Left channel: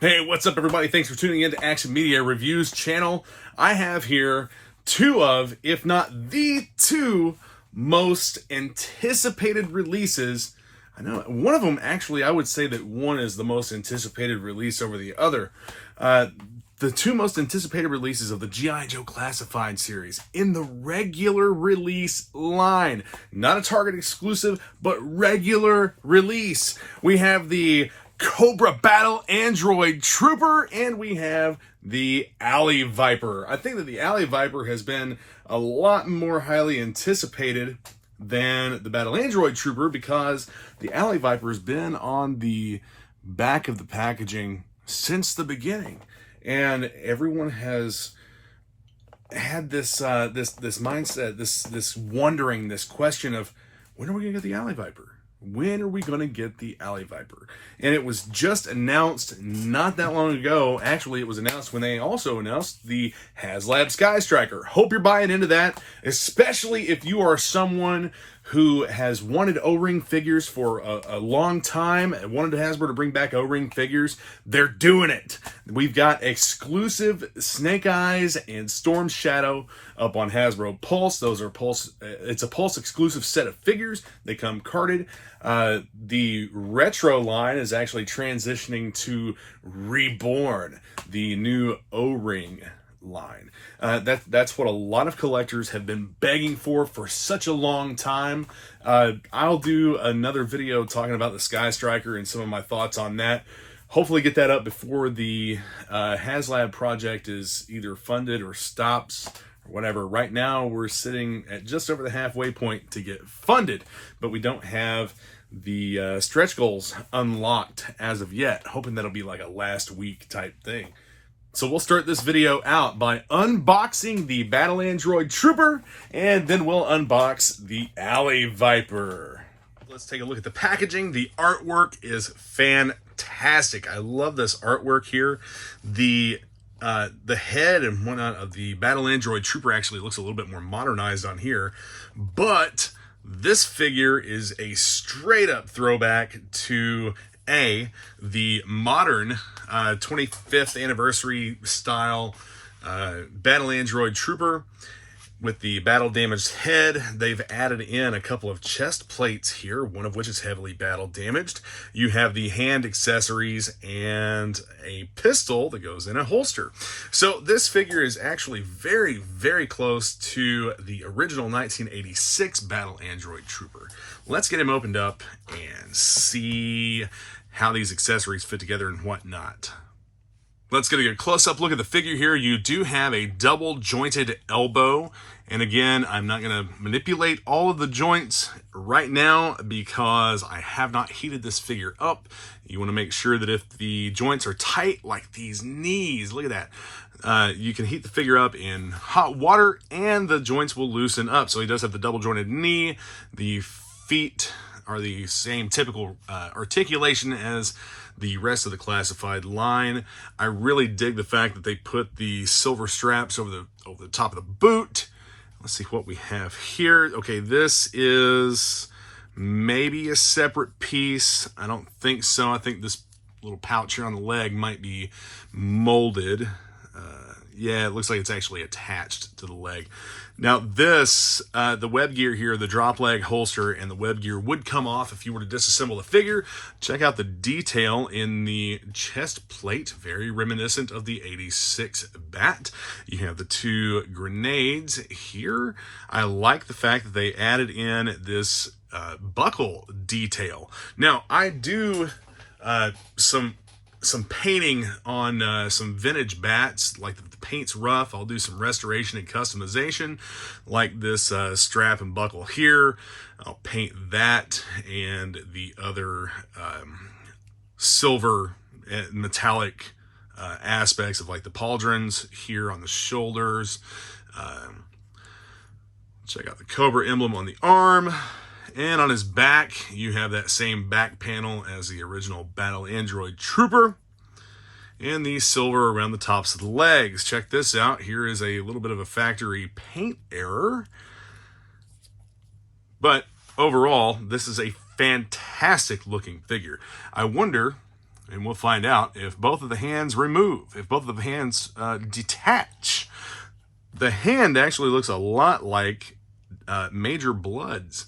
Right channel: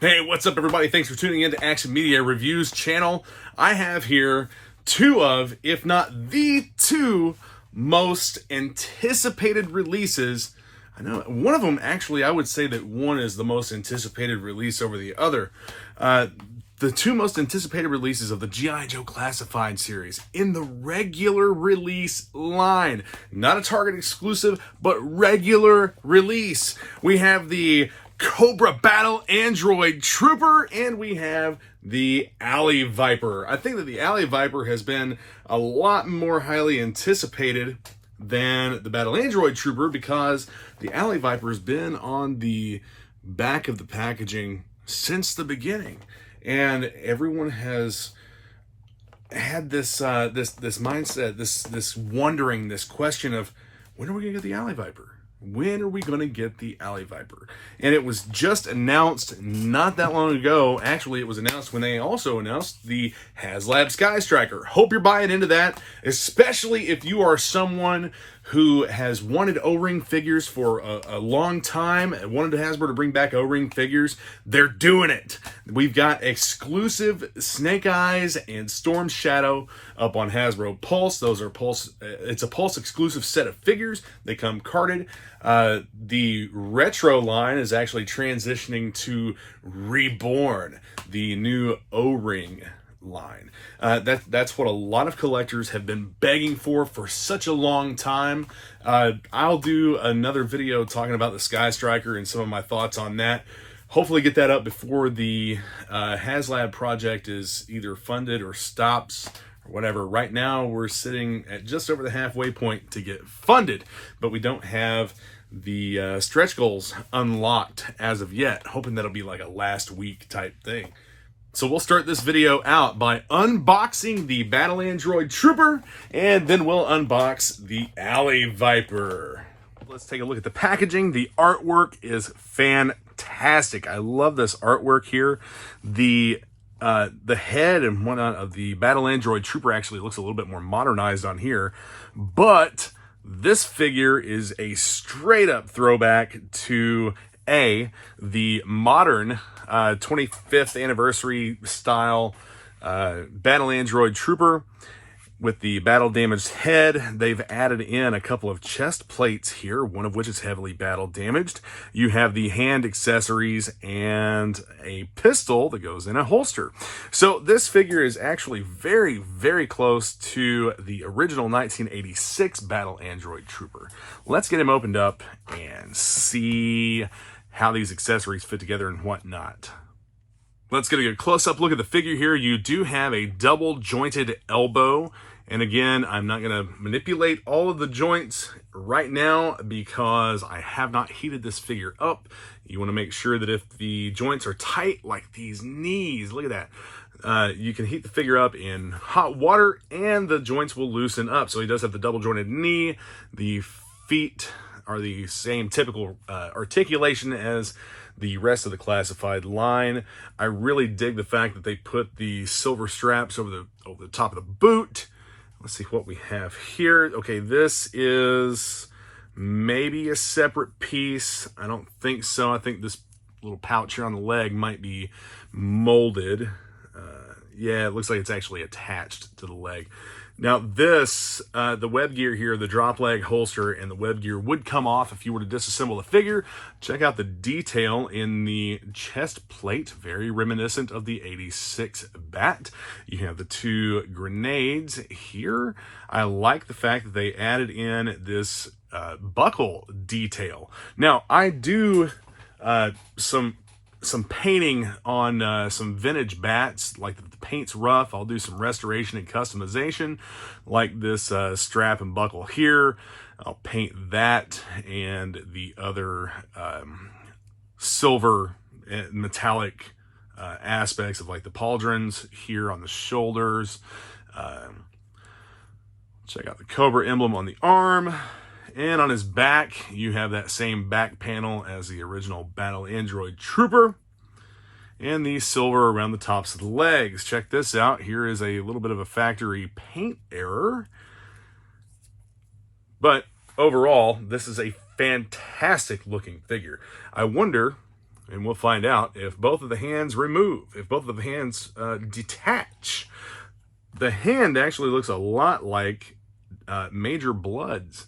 Hey, what's up, everybody? Thanks for tuning in to Action Media Reviews channel. I have here two of, if not the two, most anticipated releases. I know one of them, actually, I would say that one is the most anticipated release over the other. The two most anticipated releases of the GiJoe Classified series in the regular release line. Not a Target exclusive, but regular release. We have the Cobra Battle Android Trooper, and we have the Alley Viper. I think that the Alley Viper has been a lot more highly anticipated than the Battle Android Trooper because the Alley Viper has been on the back of the packaging since the beginning, and everyone has had this this mindset, this wondering, this question of, when are we gonna get the Alley Viper? When are we going to get the Alley Viper? And it was just announced not that long ago. Actually, it was announced when they also announced the HasLab Sky Striker. Hope you're buying into that, especially if you are someone who has wanted O-ring figures for a long time, wanted Hasbro to bring back O-ring figures. They're doing it. We've got exclusive Snake Eyes and Storm Shadow up on Hasbro Pulse. Those are Pulse. It's a Pulse exclusive set of figures. They come carded. The retro line is actually transitioning to Reborn, the new O-ring line. That's what a lot of collectors have been begging for such a long time. I'll do another video talking about the Sky Striker and some of my thoughts on that. Hopefully get that up before the HasLab project is either funded or stops or whatever. Right now we're sitting at just over the halfway point to get funded, but we don't have the stretch goals unlocked as of yet. Hoping that'll be like a last week type thing. So we'll start this video out by unboxing the Battle Android Trooper, and then we'll unbox the Alley Viper. Let's take a look at the packaging. The artwork is fantastic. I love this artwork here. The head and whatnot of the Battle Android Trooper actually looks a little bit more modernized on here, but this figure is a straight up throwback to the modern 25th anniversary style Battle Android Trooper with the battle damaged head. They've added in a couple of chest plates here, one of which is heavily battle damaged. You have the hand accessories and a pistol that goes in a holster. So this figure is actually very, very close to the original 1986 Battle Android Trooper. Let's get him opened up and see how these accessories fit together and whatnot. Let's get a good close-up look at the figure here. You do have a double jointed elbow. And again, I'm not going to manipulate all of the joints right now because I have not heated this figure up. You want to make sure that if the joints are tight, like these knees, look at that, you can heat the figure up in hot water and the joints will loosen up. So he does have the double jointed knee. The feet are the same typical articulation as the rest of the classified line. I really dig the fact that they put the silver straps over the top of the boot. Let's see what we have here. Okay, this is maybe a separate piece. I don't think so. I think this little pouch here on the leg might be molded. Yeah, it looks like it's actually attached to the leg. Now this, the web gear here, the drop leg holster and the web gear would come off if you were to disassemble the figure. Check out the detail in the chest plate, very reminiscent of the 86 Bat. You have the two grenades here. I like the fact that they added in this buckle detail. Now I do some painting on some vintage bats, like the paint's rough. I'll do some restoration and customization, like this strap and buckle here. I'll paint that and the other silver and metallic aspects of like the pauldrons here on the shoulders. Check out the Cobra emblem on the arm. And on his back, you have that same back panel as the original Battle Android Trooper. And the silver around the tops of the legs. Check this out. Here is a little bit of a factory paint error. But overall, this is a fantastic looking figure. I wonder and we'll find out if both of the hands remove, if both of the hands detach. The hand actually looks a lot like Major Blood's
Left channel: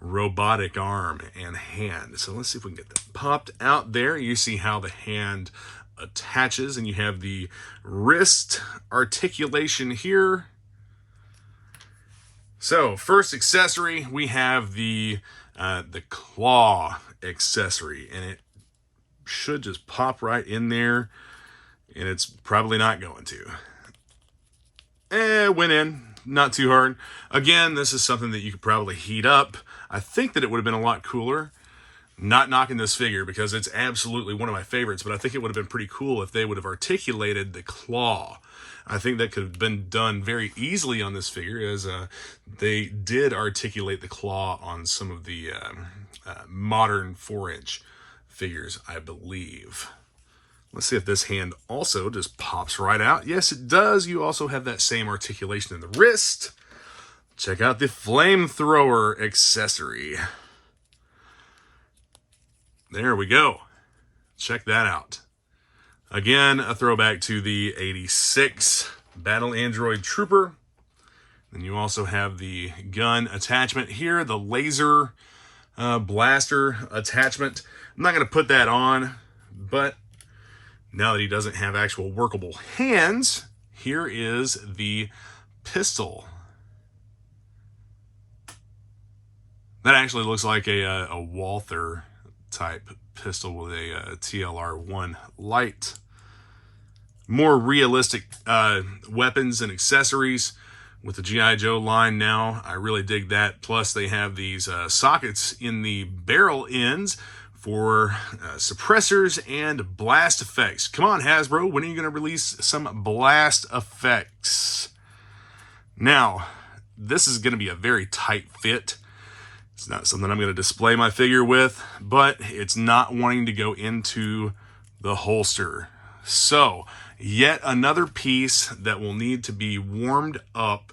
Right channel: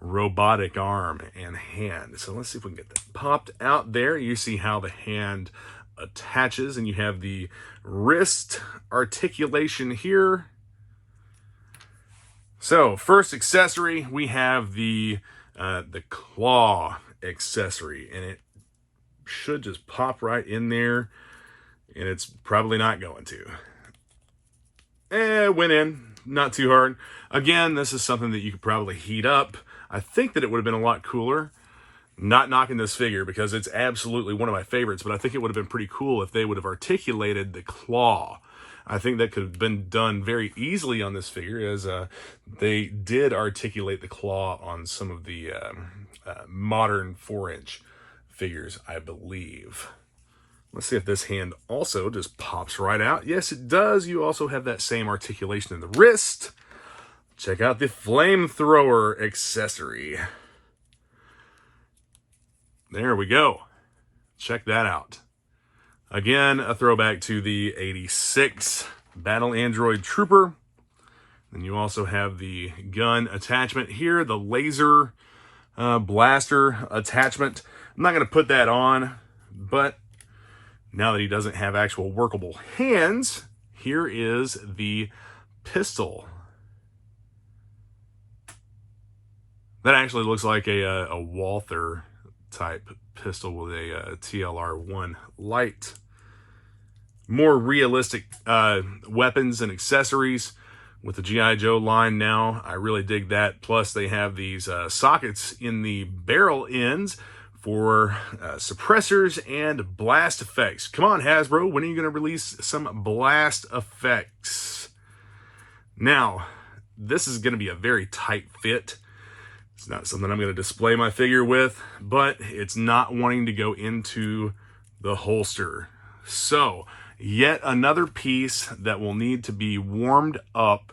robotic arm and hand. So let's see if we can get that popped out there. You see how the hand attaches, and you have the wrist articulation here. So first accessory, we have the claw accessory, and it should just pop right in there, and it's probably not going to. It went in, not too hard. Again, this is something that you could probably heat up. I think that it would have been a lot cooler. Not knocking this figure because it's absolutely one of my favorites, but I think it would have been pretty cool if they would have articulated the claw. I think that could have been done very easily on this figure, as they did articulate the claw on some of the modern 4-inch figures, I believe. Let's see if this hand also just pops right out. Yes, it does. You also have that same articulation in the wrist. Check out the flamethrower accessory. There we go. Check that out. Again, a throwback to the 86 Battle Android Trooper. And you also have the gun attachment here, the laser blaster attachment. I'm not going to put that on, but now that he doesn't have actual workable hands, here is the pistol. That actually looks like a Walther type pistol with a TLR-1 light. More realistic weapons and accessories with the G.I. Joe line now. I really dig that. Plus, they have these sockets in the barrel ends for suppressors and blast effects. Come on, Hasbro, when are you going to release some blast effects? Now, this is going to be a very tight fit. It's not something I'm going to display my figure with, but it's not wanting to go into the holster. So, yet another piece that will need to be warmed up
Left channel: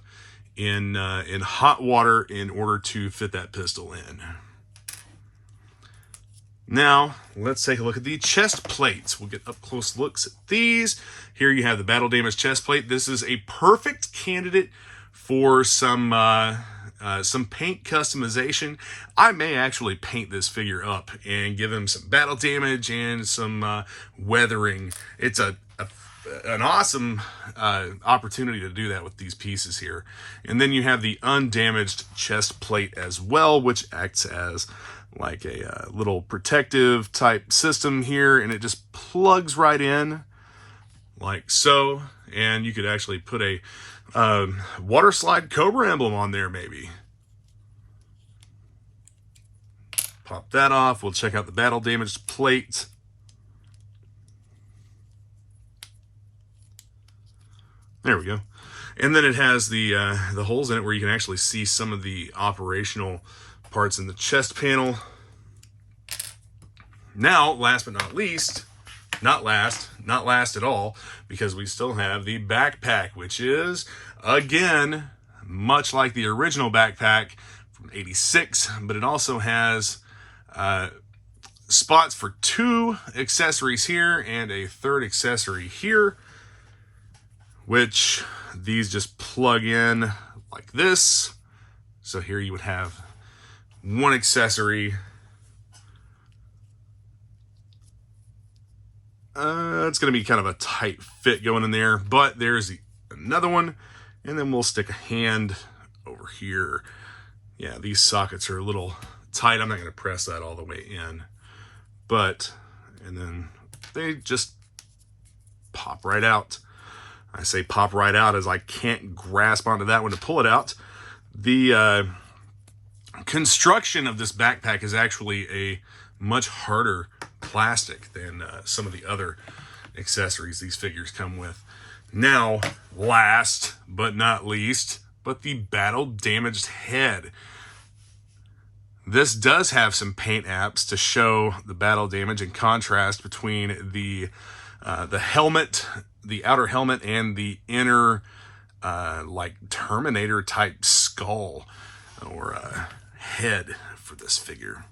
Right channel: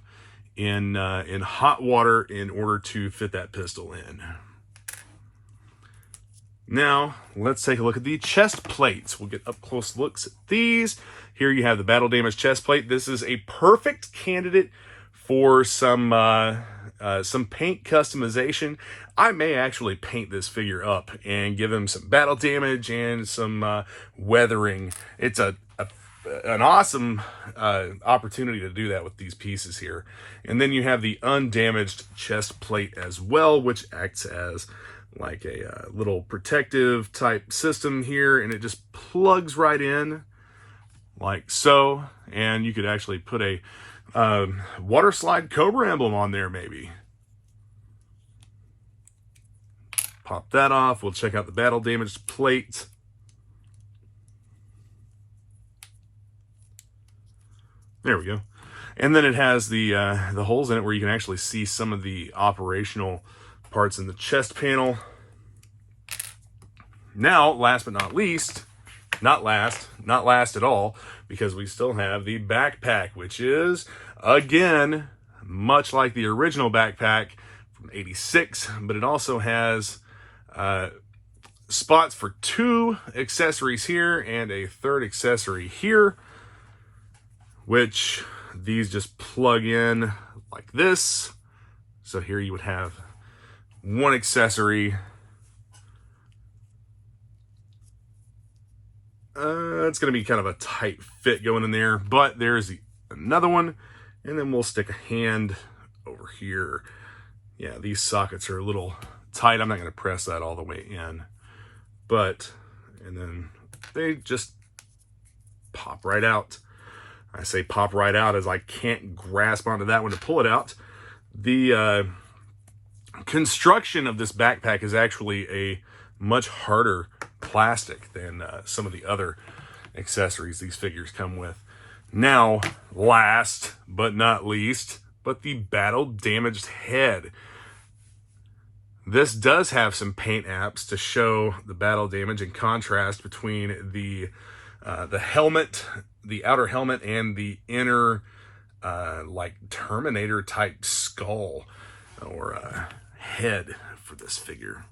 in hot water in order to fit that pistol in. Now, let's take a look at the chest plates. We'll get up close looks at these. Here you have the battle damage chest plate. This is a perfect candidate for some paint customization. I may actually paint this figure up and give him some battle damage and some weathering. It's an awesome opportunity to do that with these pieces here. And then you have the undamaged chest plate as well, which acts as like a little protective type system here, and it just plugs right in like so. And you could actually put a water slide Cobra emblem on there maybe. Pop that off. We'll check out the battle damaged plate. There we go. And then it has the holes in it where you can actually see some of the operational parts in the chest panel. Now, last but not least, not last at all, because we still have the backpack, which is, again, much like the original backpack from 86, but it also has spots for 2 accessories here and a 3rd accessory here, which these just plug in like this. So here you would have 1 accessory. It's going to be kind of a tight fit going in there, but there's another one, and then we'll stick a hand over here. Yeah, these sockets are a little tight. I'm not going to press that all the way in, and then they just pop right out. I say pop right out as I can't grasp onto that one to pull it out. The construction of this backpack is actually a much harder plastic than some of the other accessories these figures come with. Now, last but not least, but the battle damaged head. This does have some paint apps to show the battle damage and contrast between the helmet, the outer helmet, and the inner like Terminator type skull or head for this figure.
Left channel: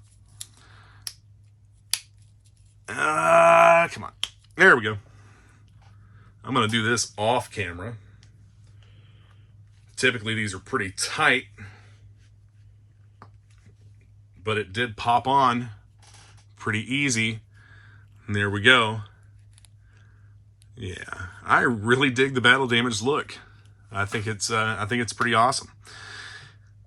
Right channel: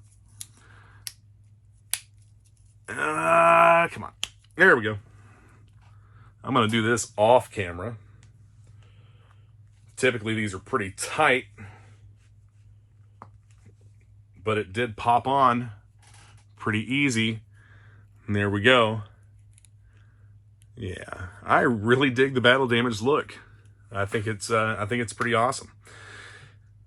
Come on. There we go. I'm going to do this off camera. Typically, these are pretty tight, but it did pop on pretty easy. And there we go. Yeah, I really dig the battle damage look. I think it's pretty awesome.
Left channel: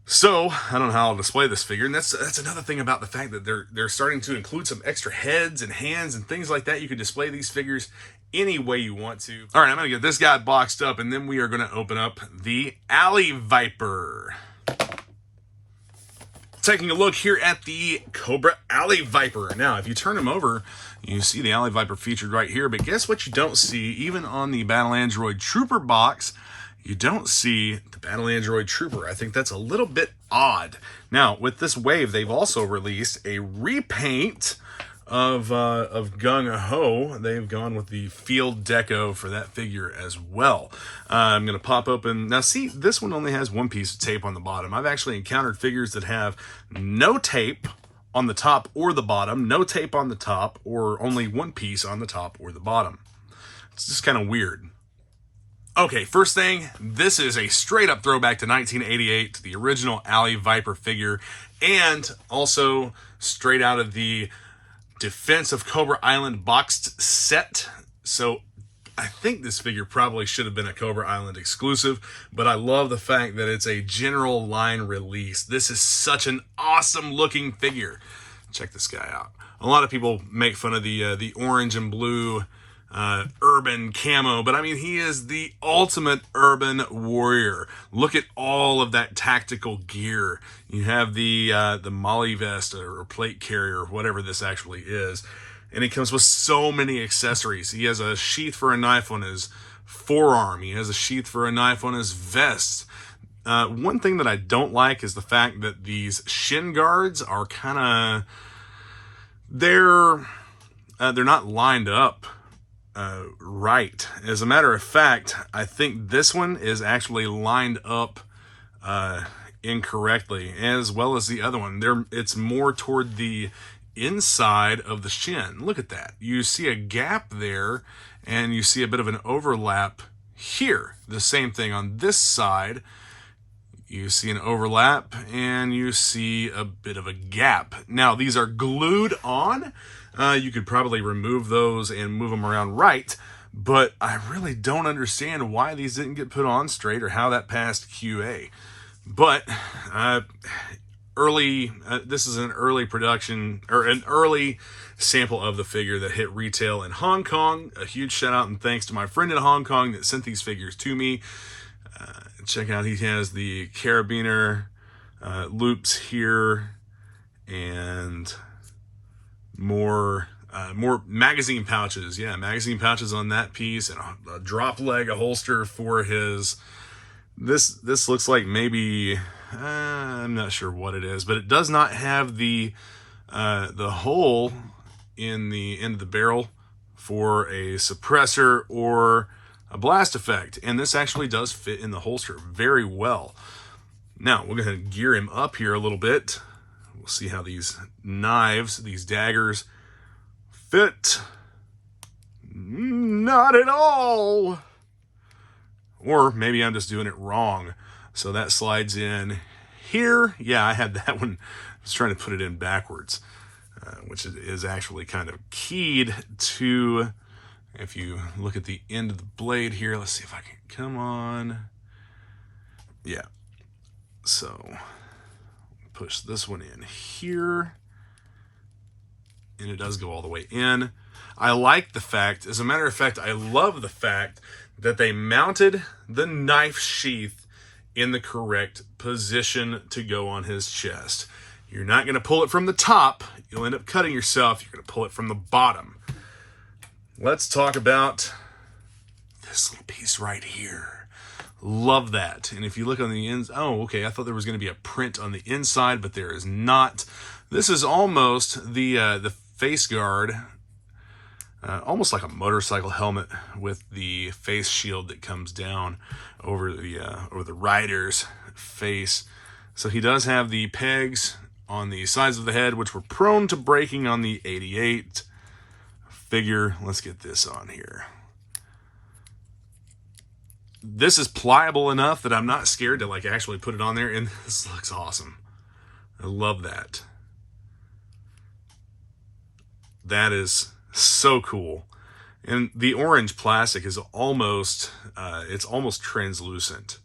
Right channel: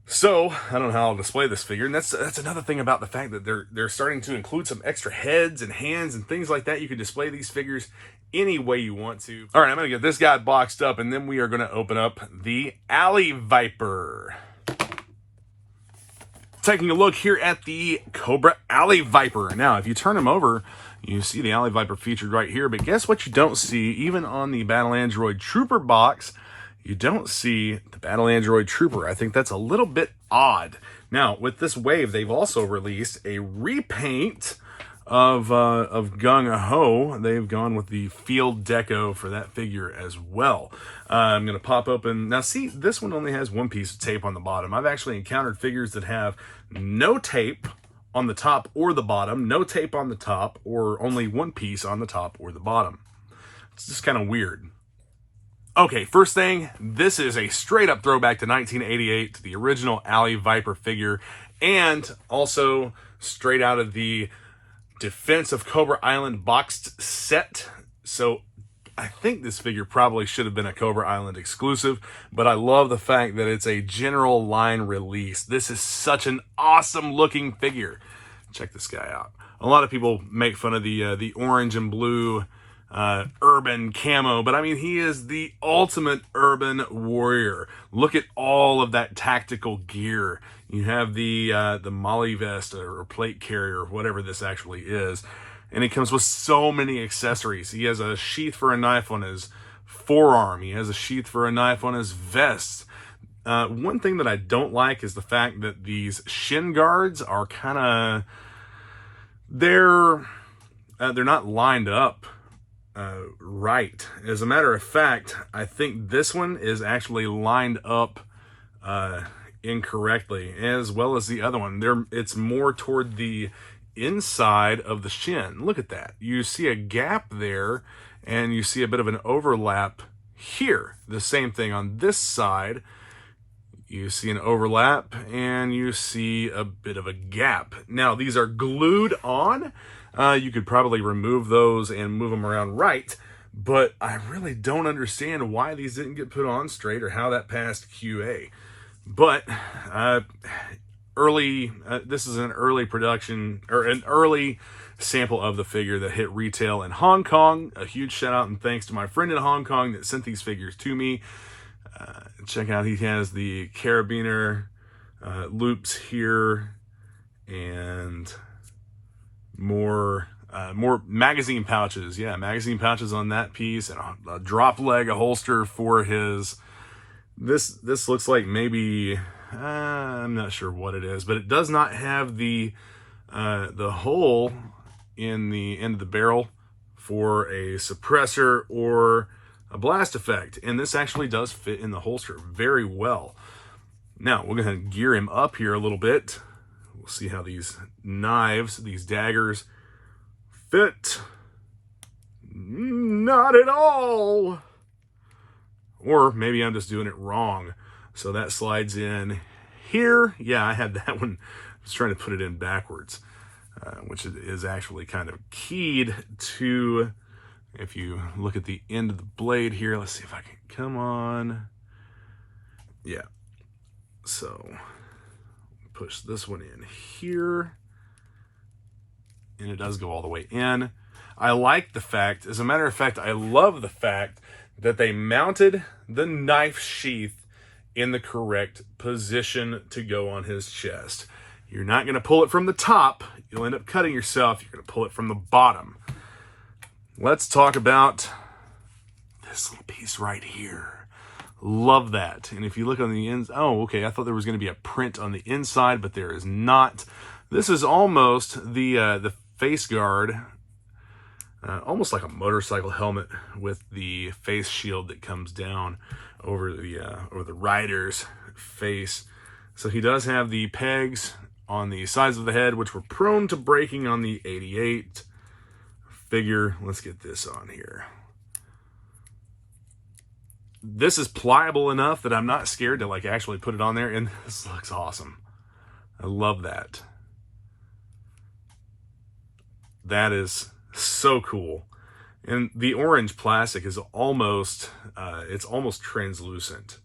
So I don't know how I'll display this figure, and that's another thing about the fact that they're starting to include some extra heads and hands and things like that. You can display these figures any way you want to. All right, I'm gonna get this guy boxed up, and then we are gonna open up the Alley Viper. Taking a look here at the Cobra Alley Viper. Now, if you turn him over, you see the Alley Viper featured right here, but guess what you don't see? Even on the Battle Android Trooper box, you don't see the Battle Android Trooper. I think that's a little bit odd. Now, with this wave, they've also released a repaint of Gung Ho. They've gone with the field deco for that figure as well. I'm going to pop open. Now, see, this one only has one piece of tape on the bottom. I've actually encountered figures that have no tape on the top or the bottom, no tape on the top, or only one piece on the top or the bottom. It's just kind of weird. Okay, first thing, this is a straight up throwback to 1988, to the original Alley Viper figure, and also straight out of the Defense of Cobra Island boxed set. So I think this figure probably should have been a Cobra Island exclusive, but I love the fact that it's a general line release. This is such an awesome looking figure. Check this guy out. A lot of people make fun of the orange and blue urban camo, but I mean, he is the ultimate urban warrior. Look at all of that tactical gear. You have the Molly vest or plate carrier, whatever this actually is, and it comes with so many accessories. He has a sheath for a knife on his forearm. He has a sheath for a knife on his vest. One thing that I don't like is the fact that these shin guards are kind of they're not lined up right. As a matter of fact, I think this one is actually lined up incorrectly, as well as the other one. It's more toward the inside of the shin. Look at that. You see a gap there, and you see a bit of an overlap here. The same thing on this side. You see an overlap, and you see a bit of a gap. Now, these are glued on. You could probably remove those and move them around right, but I really don't understand why these didn't get put on straight or how that passed QA. But this is an early production, or an early sample of the figure that hit retail in Hong Kong. A huge shout out and thanks to my friend in Hong Kong that sent these figures to me. Check out, he has the carabiner loops here, and more magazine pouches. Yeah, magazine pouches on that piece, and a drop leg, a holster for his. This looks like maybe I'm not sure what it is, but it does not have the hole in the end of the barrel for a suppressor or a blast effect, and this actually does fit in the holster very well. Now we're going to gear him up here a little bit. We'll see how these knives, these daggers, fit. Not at all. Or maybe I'm just doing it wrong. So that slides in here. Yeah, I had that one. I was trying to put it in backwards, which is actually kind of keyed to, if you look at the end of the blade here, let's see if I can, come on. Yeah. So push this one in here, and it does go all the way in. I like the fact, as a matter of fact, I love the fact that they mounted the knife sheath in the correct position to go on his chest. You're not going to pull it from the top. You'll end up cutting yourself. You're going to pull it from the bottom. Let's talk about this little piece right here. Love that. And if you look on the ends, oh, okay, I thought there was going to be a print on the inside, but there is not. This is almost the face guard, almost like a motorcycle helmet with the face shield that comes down over the rider's face. So he does have the pegs on the sides of the head, which were prone to breaking on the 88. figure. Let's get this on here. This is pliable enough that I'm not scared to like actually put it on there, and this looks awesome. I love that. That is so cool. And the orange plastic is almost, it's almost translucent.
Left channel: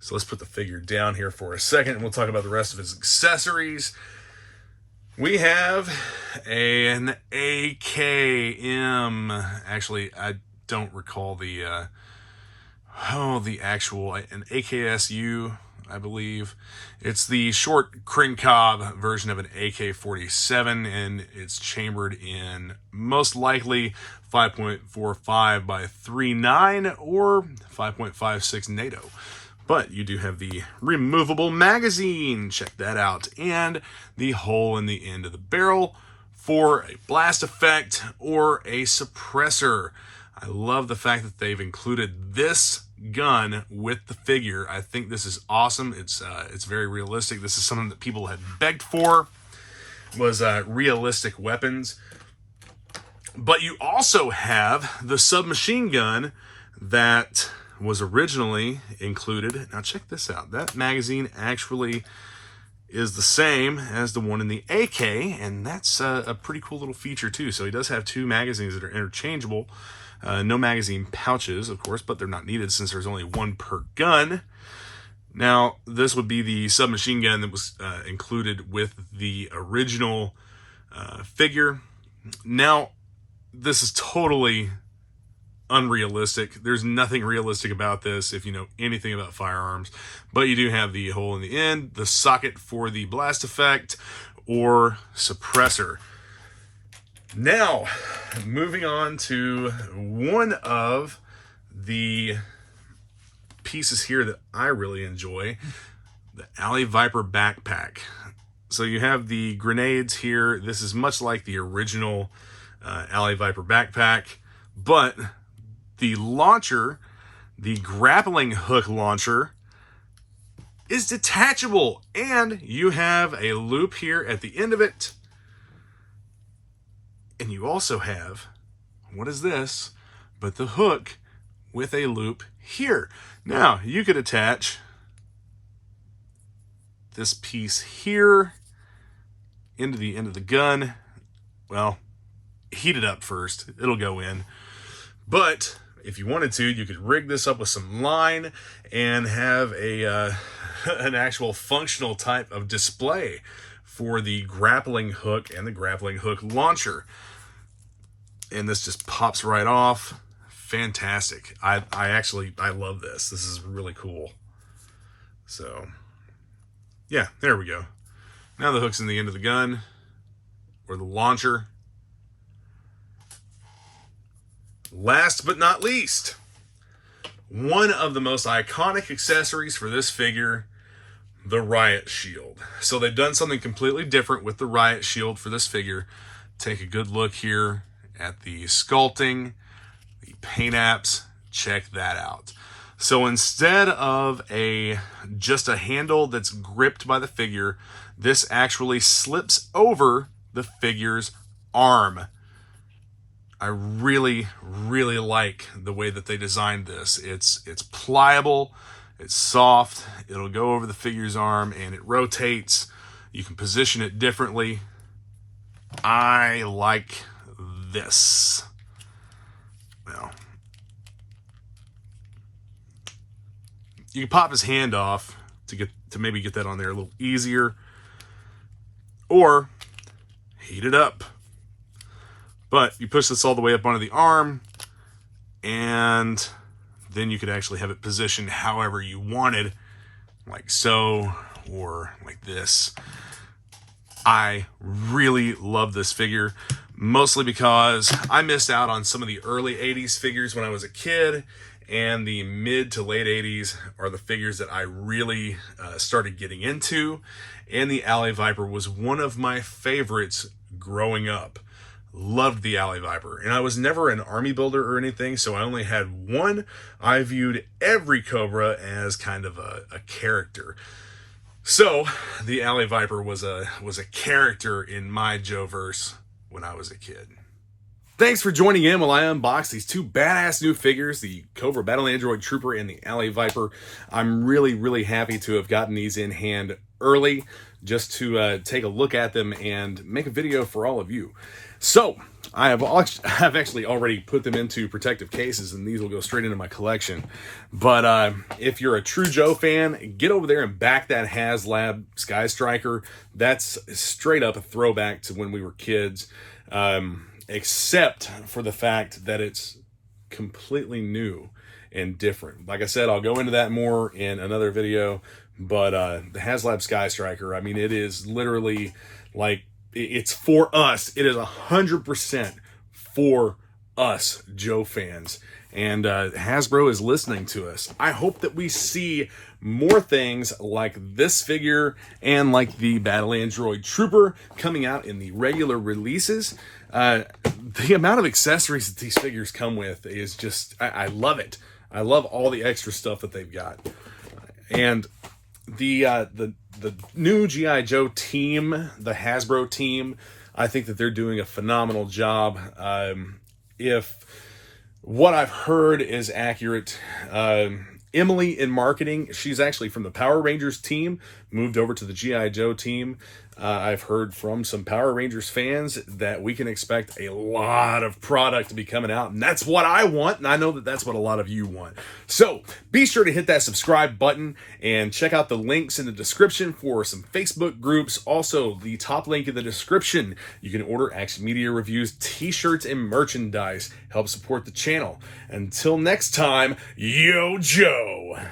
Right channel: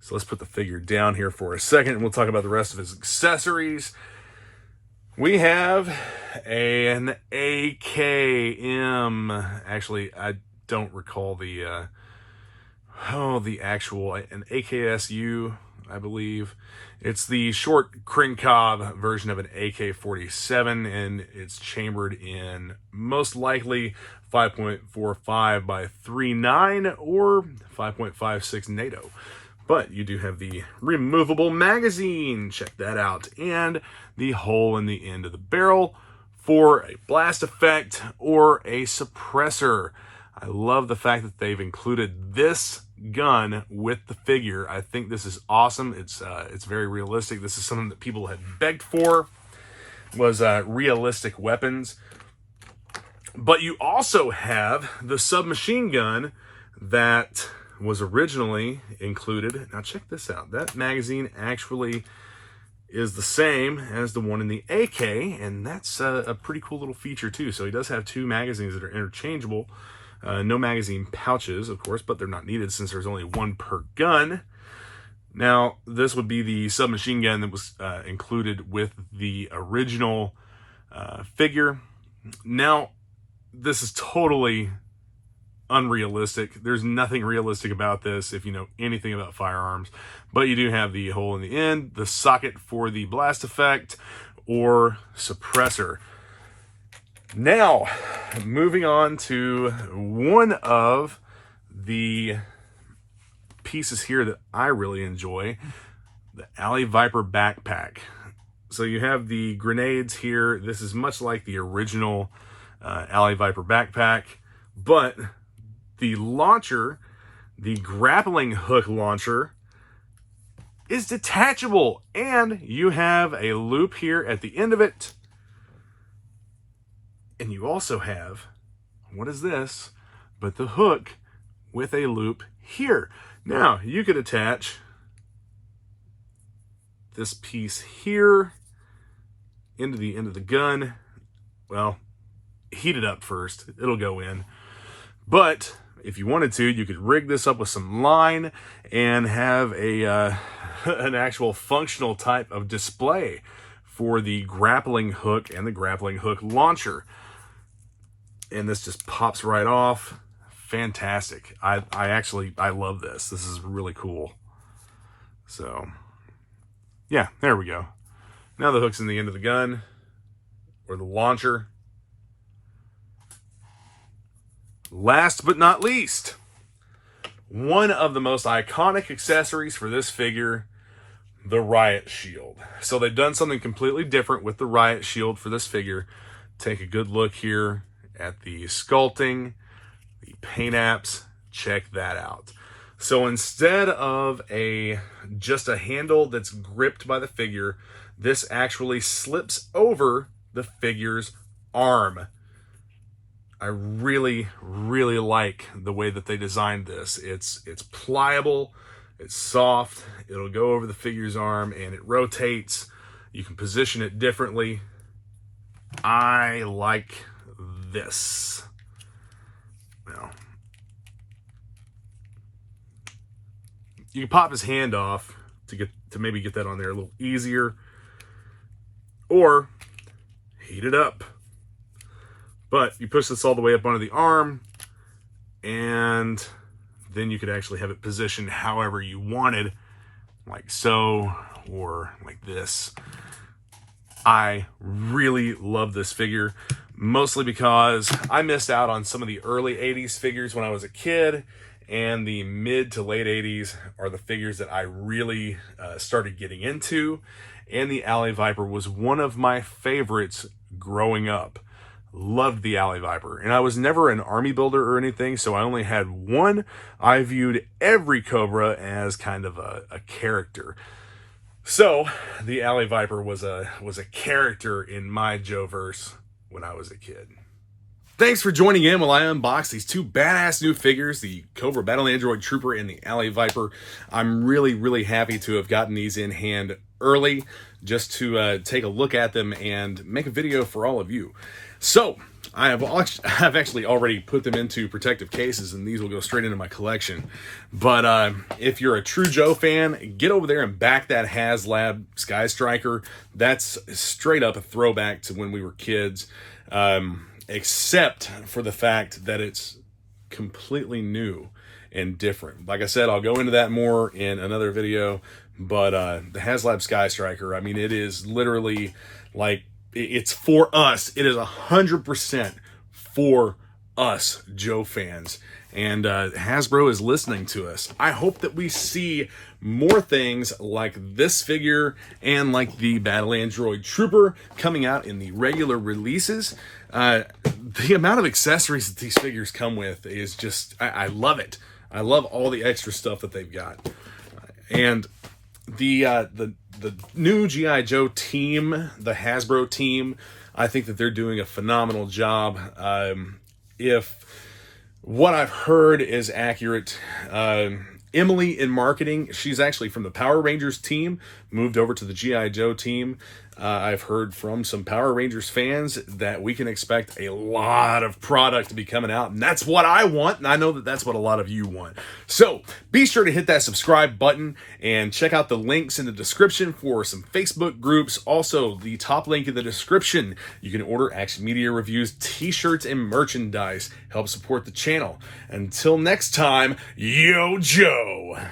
So let's put the figure down here for a second, and we'll talk about the rest of his accessories. We have an AKM. Actually, I don't recall the actual, an AKSU, I believe. It's the short Krinkov version of an AK-47, and it's chambered in most likely 5.45 by 3.9 or 5.56 NATO. But you do have the removable magazine, check that out, and the hole in the end of the barrel for a blast effect or a suppressor. I love the fact that they've included this gun with the figure. I think this is awesome. It's very realistic. This is something that people had begged for, was realistic weapons. But you also have the submachine gun that was originally included. Now check this out. That magazine actually is the same as the one in the AK, and that's a pretty cool little feature too. So he does have two magazines that are interchangeable. No magazine pouches, of course, but they're not needed since there's only one per gun. Now, this would be the submachine gun that was included with the original figure. Now, this is totally unrealistic. There's nothing realistic about this if you know anything about firearms, but you do have the hole in the end, the socket for the blast effect or suppressor. Now, moving on to one of the pieces here that I really enjoy, the Alley Viper backpack. So you have the grenades here. This is much like the original Alley Viper backpack, but the launcher, the grappling hook launcher, is detachable, and you have a loop here at the end of it. And you also have, what is this, but the hook with a loop here. Now, you could attach this piece here into the end of the gun. Well, heat it up first. It'll go in. But if you wanted to, you could rig this up with some line and have a an actual functional type of display for the grappling hook and the grappling hook launcher. And this just pops right off. Fantastic. I love this. This is really cool. So, yeah, there we go. Now the hook's in the end of the gun or the launcher. Last but not least, one of the most iconic accessories for this figure, the Riot Shield. So they've done something completely different with the Riot Shield for this figure. Take a good look here at the sculpting, the paint apps. Check that out. So instead of just a handle that's gripped by the figure, this actually slips over the figure's arm. I really, really like the way that they designed this. It's pliable, it's soft, it'll go over the figure's arm, and it rotates. You can position it differently. I like this. Well, you can pop his hand off to maybe get that on there a little easier, or heat it up. But you push this all the way up onto the arm, and then you could actually have it positioned however you wanted, like so, or like this. I really love this figure, mostly because I missed out on some of the early 80s figures when I was a kid, and the mid to late 80s are the figures that I really started getting into, and the Alley Viper was one of my favorites growing up. Loved the Alley Viper, and I was never an army builder or anything, so I only had one. I viewed every Cobra as kind of a character. So the Alley Viper was a character in my Joe-verse when I was a kid. Thanks for joining in while I unbox these two badass new figures, the Cobra Battle Android Trooper and the Alley Viper. I'm really happy to have gotten these in hand early just to take a look at them and make a video for all of you. So, I've actually already put them into protective cases, and these will go straight into my collection. But if you're a true Joe fan, get over there and back that HasLab Sky Striker. That's straight up a throwback to when we were kids. Except for the fact that it's completely new and different. Like I said, I'll go into that more in another video, but the HasLab Sky Striker, I mean, it is literally like, it's for us. It is 100% for us Joe fans, and Hasbro is listening to us. I hope that we see more things like this figure and like the Battle Android Trooper coming out in the regular releases. The amount of accessories that these figures come with is just, I love it. I love all the extra stuff that they've got. And the new G.I. Joe team, the Hasbro team, I think that they're doing a phenomenal job. If what I've heard is accurate, Emily in marketing, she's actually from the Power Rangers team, moved over to the G.I. Joe team. I've heard from some Power Rangers fans that we can expect a lot of product to be coming out, and that's what I want, and I know that that's what a lot of you want. So be sure to hit that subscribe button and check out the links in the description for some Facebook groups. Also, the top link in the description, you can order Action Media Reviews t-shirts and merchandise. Help support the channel. Until next time, Yo Joe!